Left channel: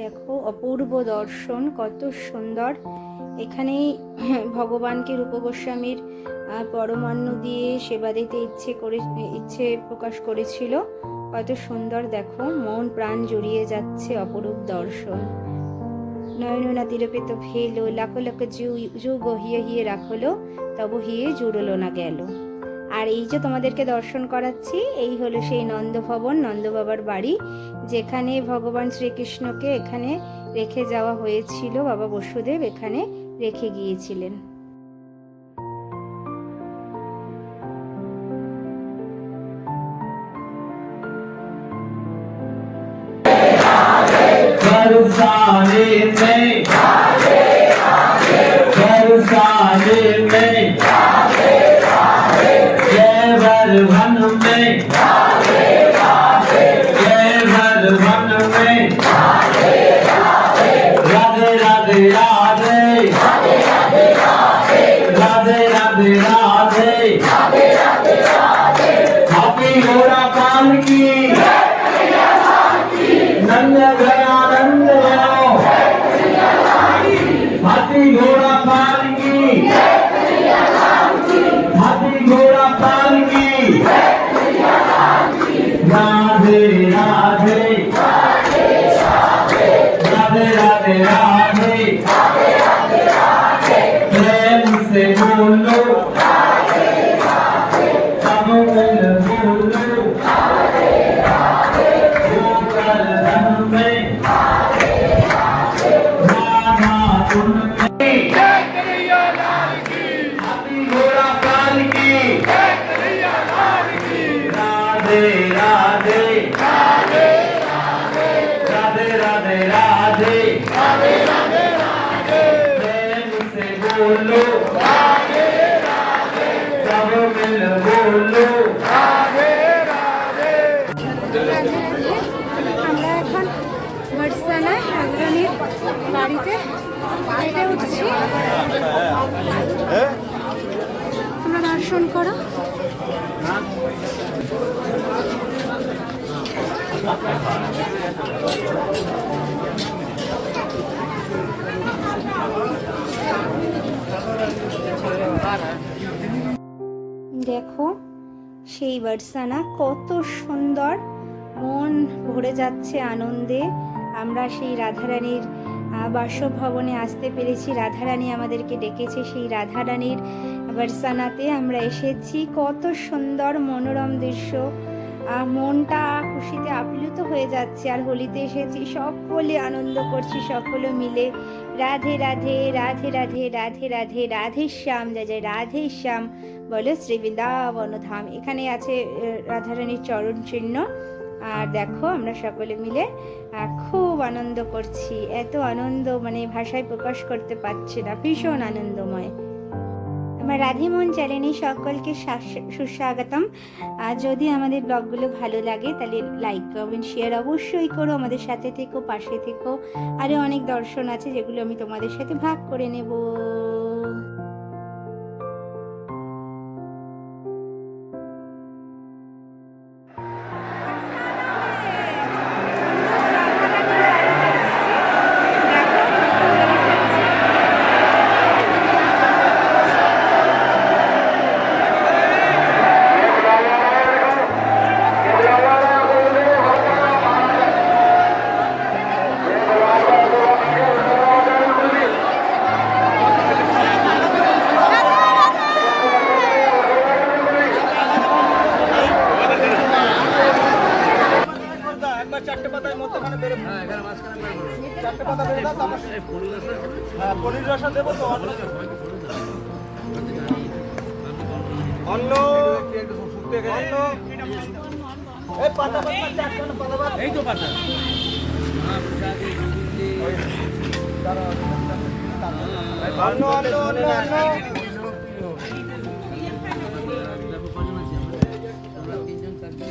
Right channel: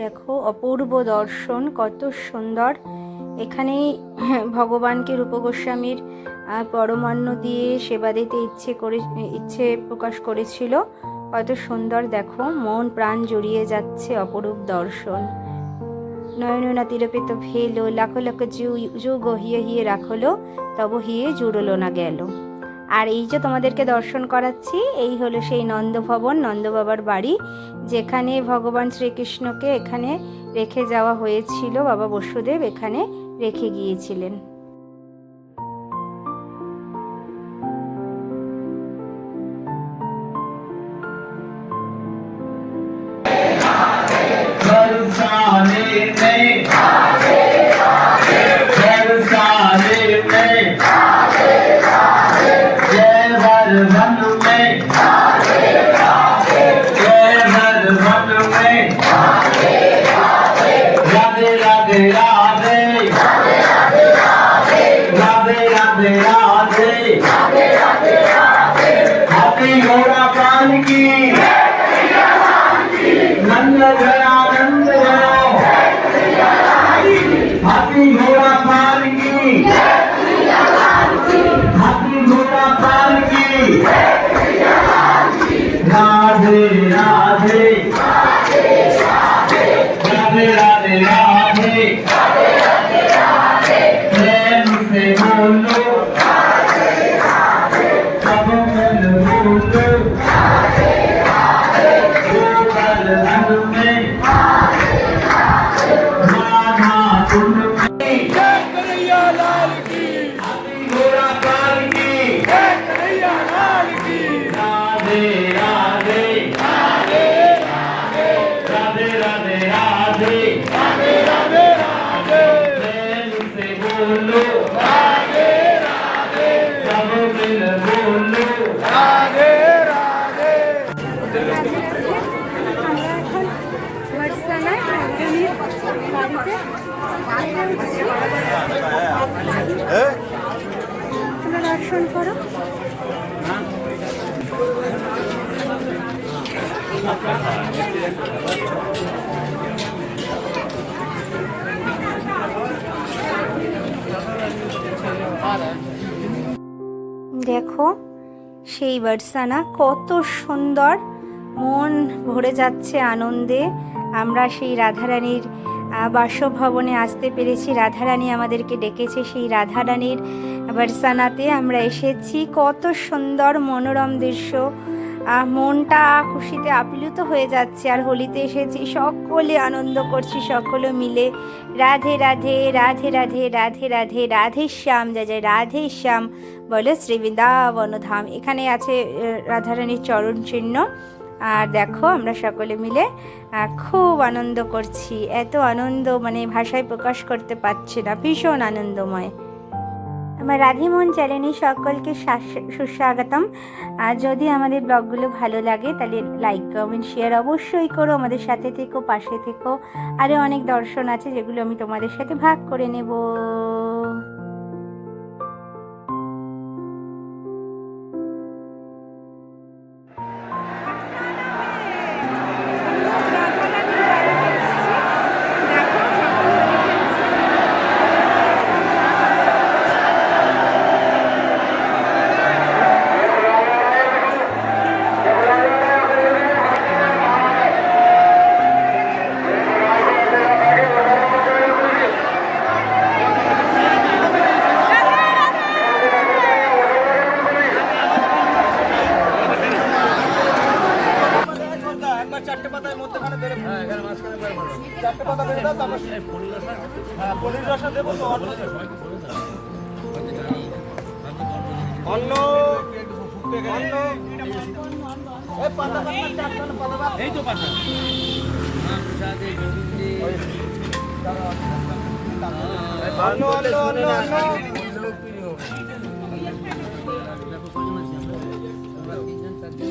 দেখো অপূর্ব দর্শন, কত সুন্দর। এখানেই ভগবানকে রূপ গোস্বামীর পরমান্ন দিয়ে সেবা দিতে ইচ্ছে প্রকাশ করেছিল। কত সুন্দর দেখো, মন প্রাণ জুড়িয়ে যাচ্ছে, অপরূপ দর্শন। নয়ননা তিরপিত ভেলো, লাখো লাখো যুগ হিয়ে হিয়ে রাখলো, তব হিয়ে জুড়লো না গেল। আর এই যে তোমাদেরকে দর্শন করাচ্ছি, এই হলো সেই নন্দভবন, নন্দবাবার বাড়ি, যেখানে ভগবান শ্রীকৃষ্ণকে এখানে রেখে যাওয়া হয়েছিল। বাবা বসুদেব এখানে রেখে গিয়েছিলেন। আমরা এখন বর্ষানায় রাজধানীর বাড়িতে উঠছি। তোমরা দর্শন করো। দেখো সেই বর্ষানা কত সুন্দর, মন ভরে যাচ্ছে আনন্দে। আমরা সেই রাধারানীর বাসভবনে আসতে পেরেছি, রাধারানী আমাদেরকে ডেকেছে, সেই রাধারানীর বর্ষানাতে আমরা এসেছি। কত সুন্দর মনোরম দৃশ্য, মনটা খুশিতে আপ্লুত হয়ে যাচ্ছে। আর হোলিতে এসেছি, সকলে আনন্দ করছি, সকলে মিলে রাধে রাধে রাধে রাধে রাধে রাধে রাধে শ্যাম, জয় জয় রাধে শ্যাম, বলে শ্রী বৃন্দাবন ধাম। এখানে আছে রাধারানীর চরণ চিহ্ন। আর দেখো আমরা সকলে মিলে খুব আনন্দ করছি। এত আনন্দ মানে ভাষায় প্রকাশ করতে পারছি না, ভীষণ আনন্দময়। আমার রাধেমন চ্যানেলে সকলকে সুস্বাগতম। যদি আমাদের ব্লগগুলো ভালো লাগে তাহলে লাইক কমেন্ট শেয়ার অবশ্যই করো, আমাদের সাথে থেকো, পাশে থেকো। আরও অনেক দর্শন আছে যেগুলো আমি তোমাদের সাথে ভাগ করে নেব। এই তো পাতা তিনজন চারজন